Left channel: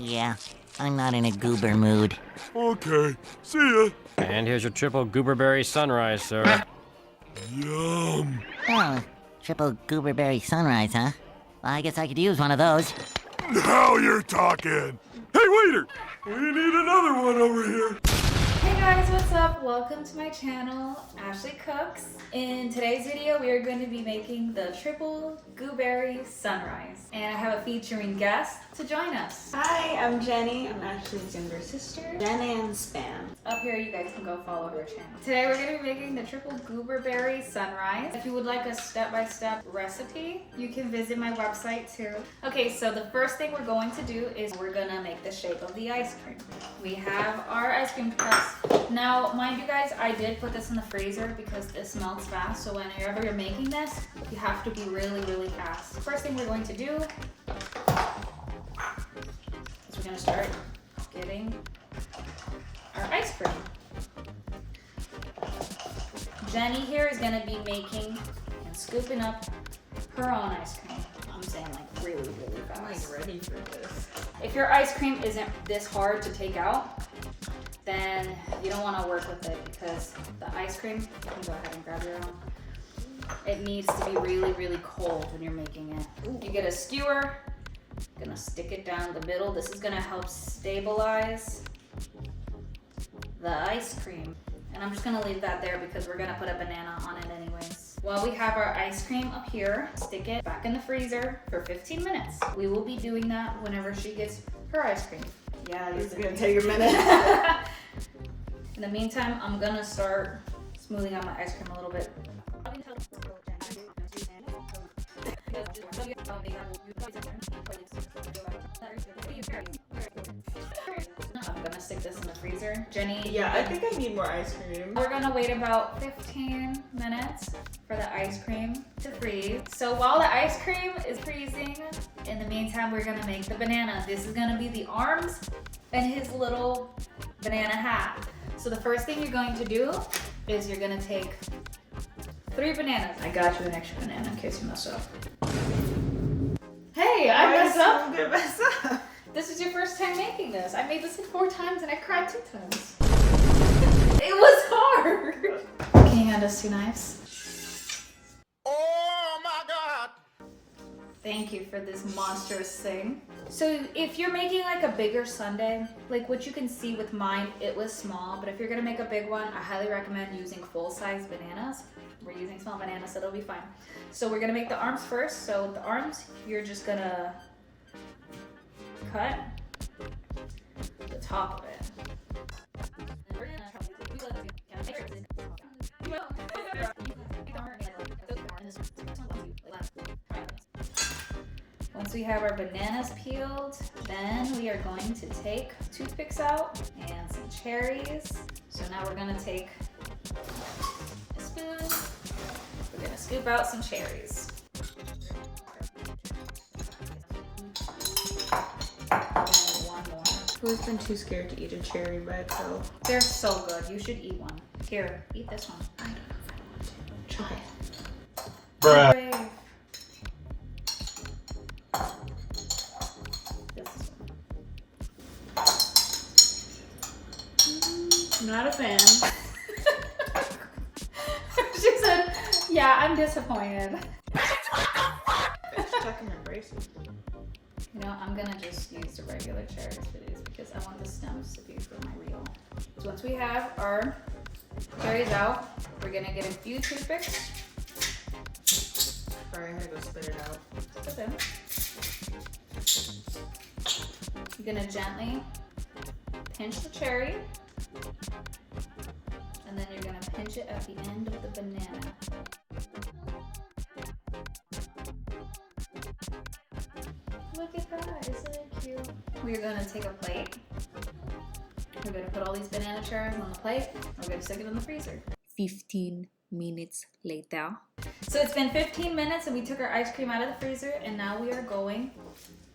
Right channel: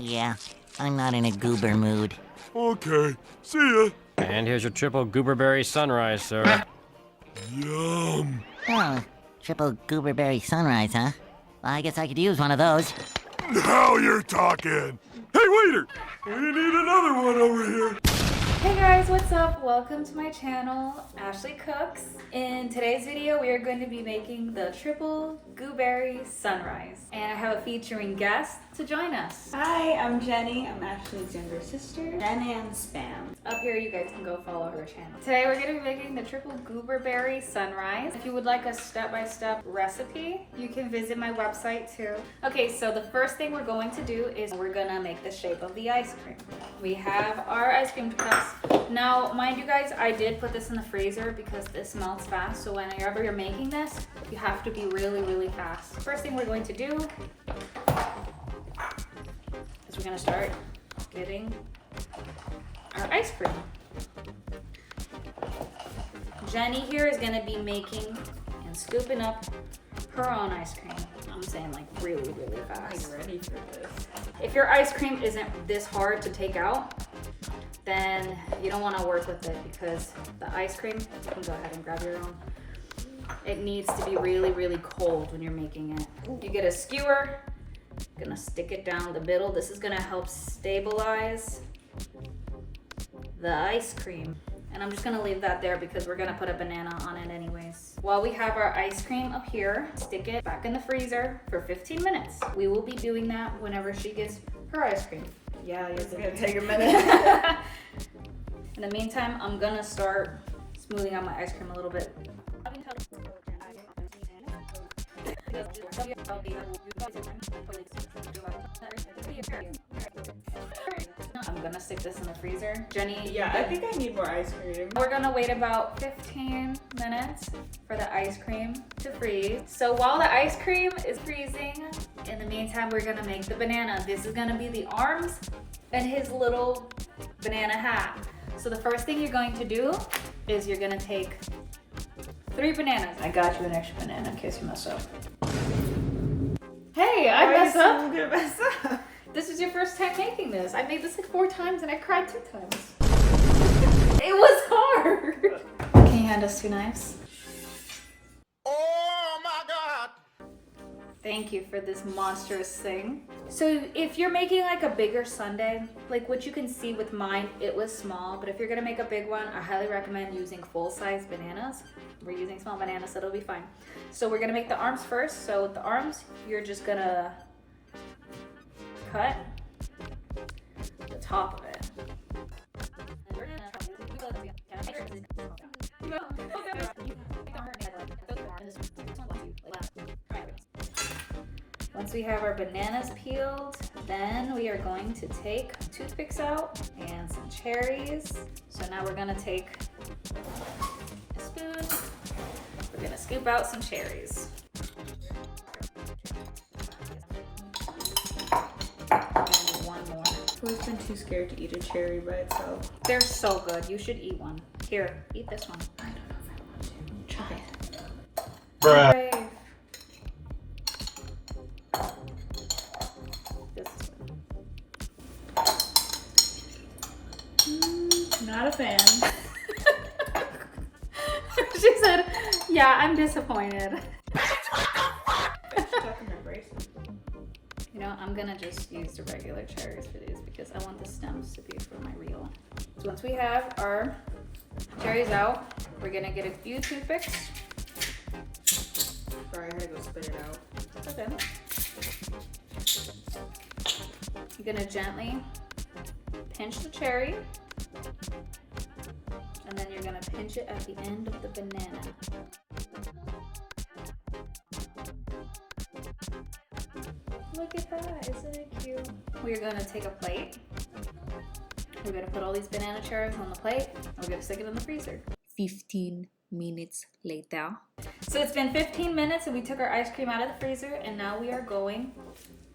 Yeah, I'm not in a goober mood. Okay, see ya. And here's your triple gooberberry sunrise, sir. Yum. Oh, triple gooberberry sunrise, huh? Well, I guess I could use one of those. Now you're talking. Hey, waiter, we need another one over here. Hey guys, what's up? Welcome to my channel, Ashley Cooks. In today's video, we are going to be making the triple gooberry sunrise. And I have a featuring guest to join us. Hi, I'm Jenny. I'm Ashley's younger sister, Jen and Spam. Up here, you guys can go follow her channel. Today, we're going to be making the triple gooberberry sunrise. If you would like a step-by-step recipe, you can visit my website too. Okay, so the first thing we're going to do is we're gonna make the shape of the ice cream. We have our ice cream cups. Now, mind you guys, I did put this in the freezer because this melts fast. So whenever you're making this, you have to be really, really fast. First thing we're going to do is we're gonna start getting our ice cream. Jenny here is gonna be making and scooping up her own ice cream. I'm saying like really, really fast. I'm ready for this. If your ice cream isn't this hard to take out, then you don't want to work with it because the ice cream, you can go ahead and grab your own. It needs to be really, really cold when you're making it. You get a skewer, gonna stick it down the middle. This is gonna help stabilize the ice cream. And I'm just gonna leave that there because we're gonna put a banana on it anyways. While we have our ice cream up here, stick it back in the freezer for 15 minutes. We will be doing that whenever she gets her ice cream. Yeah, It's gonna take a minute. In the meantime, I'm gonna start smoothing out my ice cream a little bit. I'm gonna stick this in the freezer. Jenny, Yeah, I think I need more ice cream. we're gonna wait about 15 minutes for the ice cream to freeze. So while the ice cream is freezing, in the meantime, we're gonna make the banana. This is gonna be the arms and his little banana hat. So the first thing you're going to do is you're gonna take 3 bananas. I got you an extra banana in case you mess up. Hey, I messed up. I'm gonna mess up. This is your first time making this. I made this like 4 times and I cried 2 times. It was hard. Can you hand us 2 knives? Oh my God. Thank you for this monstrous thing. So if you're making like a bigger sundae, like what you can see with mine, it was small, but if you're gonna make a big one, I highly recommend using full-size bananas. We're using small bananas, so it'll be fine. So we're gonna make the arms first. So with the arms, you're just gonna cut the top of it. Once we have our bananas peeled, then we are going to take toothpicks out and some cherries. So now we're gonna take a spoon. We're gonna scoop out some cherries. And one more. Who's been too scared to eat a cherry by itself? They're so good. You should eat one. Here, eat this one. Try it. Bruh. Brave. Not a fan. She said, yeah, I'm disappointed. Stuck in my bracelet. You know, I'm gonna just use the regular cherries for these because I want the stems to be for my reel. So once we have our cherries out, we're gonna get a few toothpicks. Sorry, I had to go spit it out. Okay. You're gonna gently pinch the cherry. And then you're gonna pinch it at the end of the banana. Look at that, isn't it cute? We're gonna take a plate. We're gonna put all these banana cherries on the plate. And we're gonna stick it in the freezer. 15 minutes later. So it's been 15 minutes and we took our ice cream out of the freezer and now we are going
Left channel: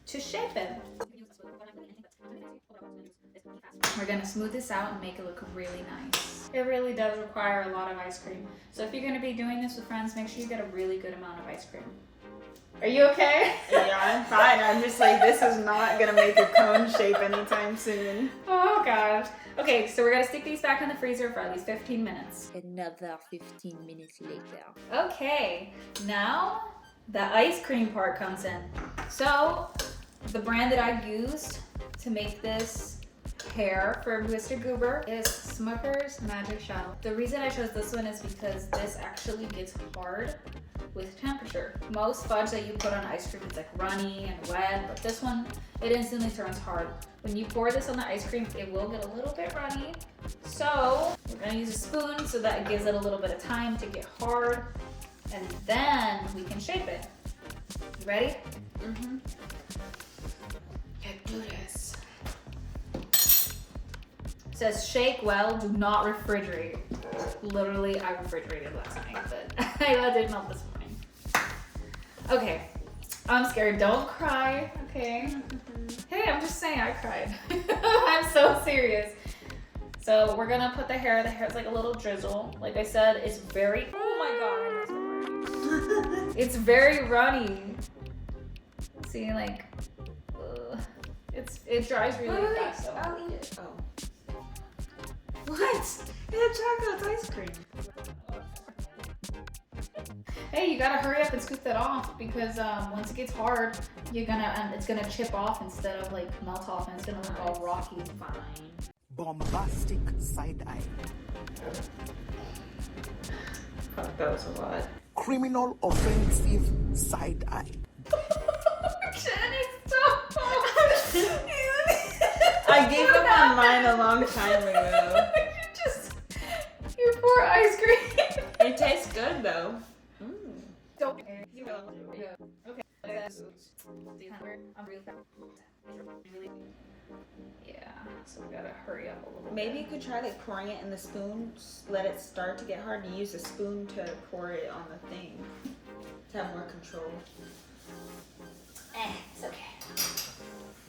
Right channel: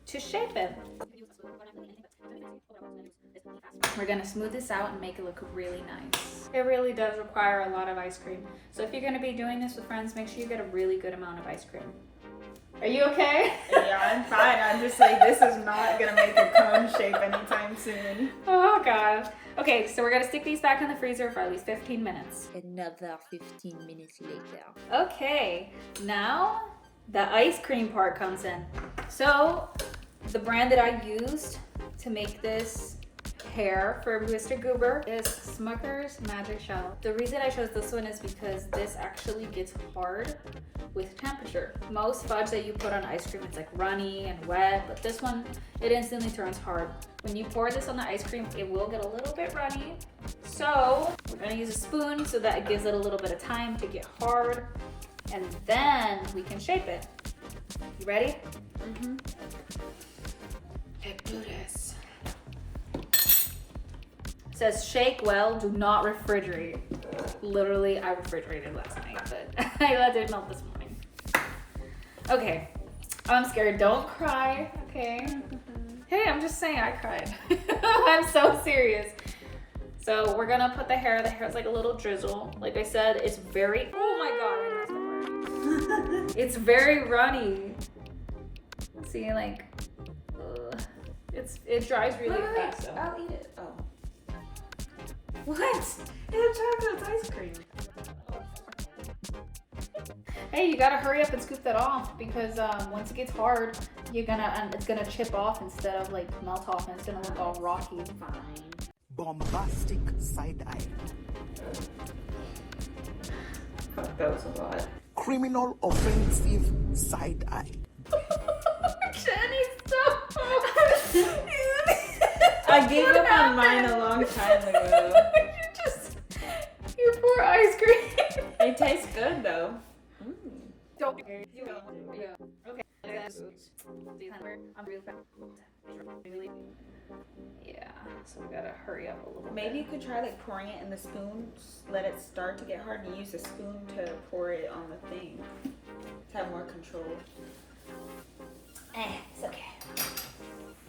to shape it. We're gonna smooth this out and make it look really nice. It really does require a lot of ice cream. So if you're gonna be doing this with friends, make sure you get a really good amount of ice cream. Are you okay? Yeah, I'm fine. I'm just like, this is not gonna make a cone shape anytime soon. Oh gosh. Okay, so we're gonna stick these back in the freezer for at least 15 minutes. Another 15 minutes later. Okay, now the ice cream part comes in. So the brand that I used to make this hair for Mr. Goober is Smucker's Magic Shell. The reason I chose this one is because this actually gets hard with temperature. Most fudge that you put on ice cream, it's like runny and wet, but this one, it instantly turns hard. When you pour this on the ice cream, it will get a little bit runny. So we're gonna use a spoon so that it gives it a little bit of time to get hard, and then we can shape it. You ready? Mm-hmm. Let's do this. It says shake well, do not refrigerate. Literally, I refrigerated last night, but I let it melt this morning. Okay, I'm scared. Don't cry, okay? Hey, I'm just saying I cried. I'm so serious. So we're gonna put the hair's like a little drizzle. Like I said, it's very, oh my God, it's very runny. See, like, it dries really fast. So. I'll eat it. Oh. What? It's chocolate ice cream. Hey, you gotta hurry up and scoop that off because once it gets hard, it's gonna chip off instead of like melt off, and it's gonna look all rocky. Fine. Bombastic side eye. Fuck, that was a lot. Criminal offensive side eye. Jenny, stop! I gave up on mine a long time ago. You pour ice cream. It tastes good though. Don't. You will. Okay. I'm really. Yeah. So we gotta hurry up a little bit. Maybe you could try like pouring it in the spoon. Let it start to get hard and use a spoon to pour it on the thing to have more control. It's okay.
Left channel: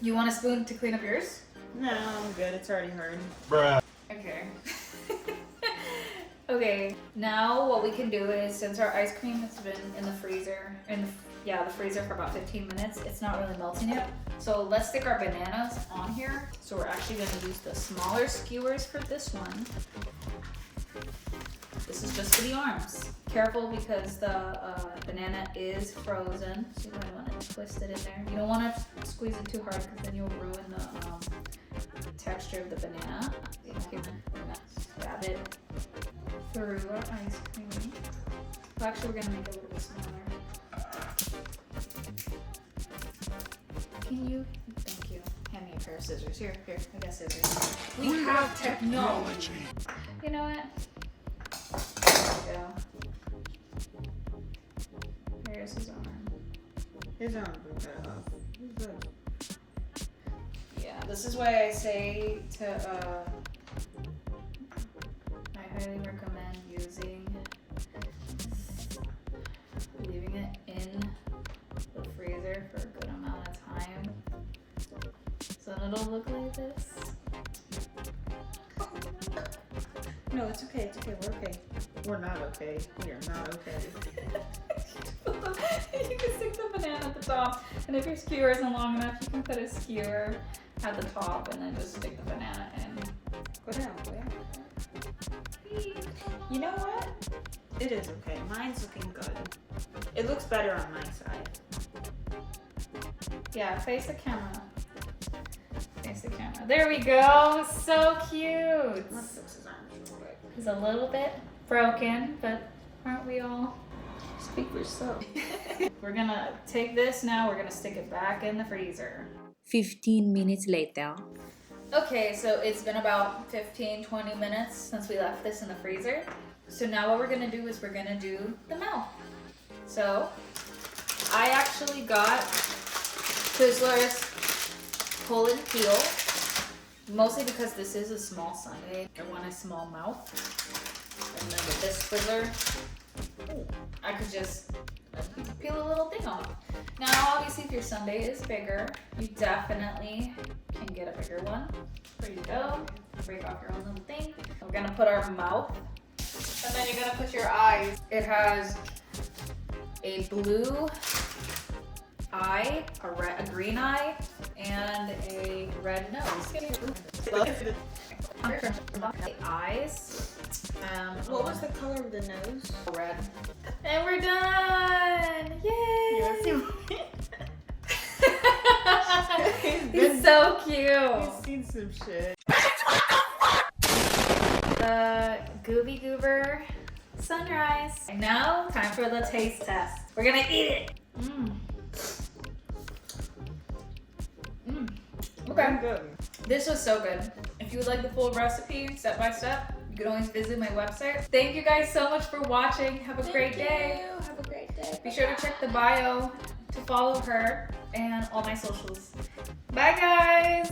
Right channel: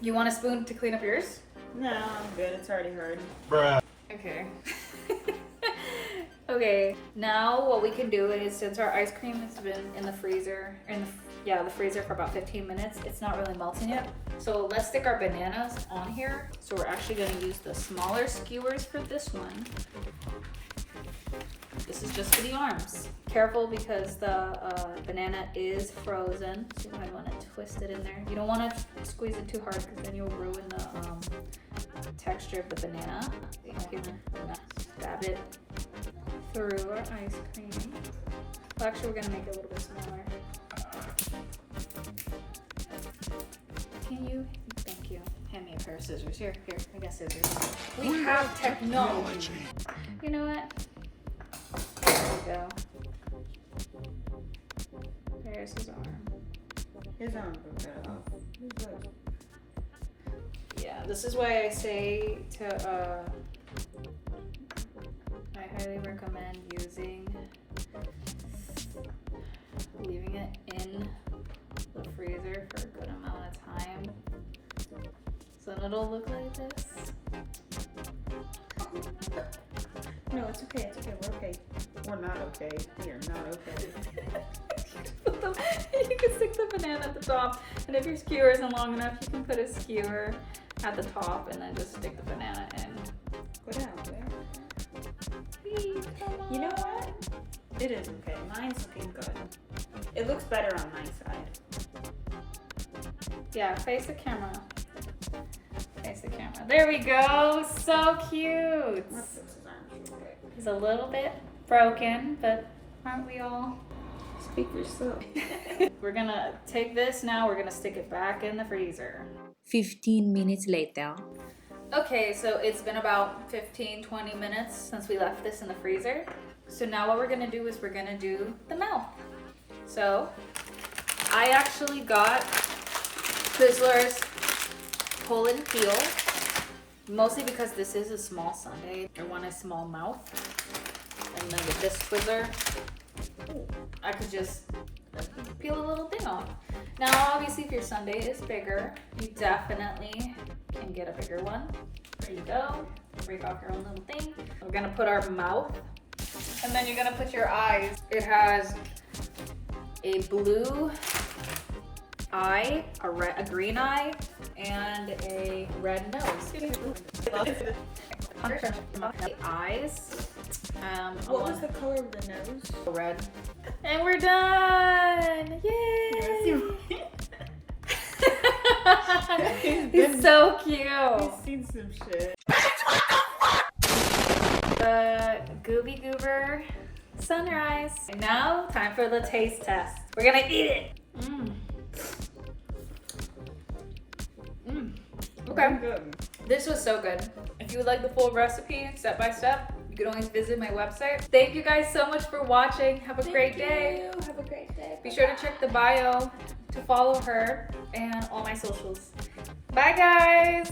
You want a spoon to clean up yours? No, I'm good. It's already hard. Bruh. Okay. Okay, now what we can do is, since our ice cream has been in the freezer, the freezer for about 15 minutes, it's not really melting yet. So let's stick our bananas on here. So we're actually gonna use the smaller skewers for this one. This is just for the arms. Careful because the banana is frozen, so you might wanna twist it in there. You don't wanna squeeze it too hard because then you'll ruin the texture of the banana. Here, stab it through our ice cream. Well, actually, we're gonna make it a little bit smaller. Can you? Thank you. Hand me a pair of scissors. Here, I got scissors. We have technology. You know what? There we go. There's his arm. His arm grew cut off. Good. Yeah, this is why I say to I highly recommend leaving it in the freezer for a good amount of time. So then it'll look like this. No, it's okay. It's okay. We're okay. We're not okay. We are not okay. You can stick the banana at the top, and if your skewer isn't long enough, you can put a skewer at the top and then just stick the banana in. Go down. You know what? It is okay. Mine's looking good. It looks better on my side. Yeah, face the camera. Face the camera. There we go. So cute. He's a little bit broken, but aren't we all? Speak for yourself. We're gonna take this now. We're gonna stick it back in the freezer. 15 minutes later. Okay, so it's been about 15-20 minutes since we left this in the freezer. So now what we're gonna do is we're gonna do the mouth. So I actually got Twizzlers pull and peel, mostly because this is a small sundae. I want a small mouth. And then with this Twizzler, I could just peel a little thing off. Now, obviously, if your sundae is bigger, you definitely can get a bigger one. There you go. Break off your own little thing. We're gonna put our mouth, and then you're gonna put your eyes. It has a blue eye, a green eye, and a red nose. The eyes. What was the color of the nose? Red. And we're done! Yay! He's so cute. I've seen some shit. The Gooby Goober sunrise. And now, time for the taste test. We're gonna eat it. Okay. Good. This was so good. If you would like the full recipe, step by step, you can always visit my website. Thank you guys so much for watching. Have a great day. Have a great day. Be sure to check the bio to follow her and all my socials. Bye guys!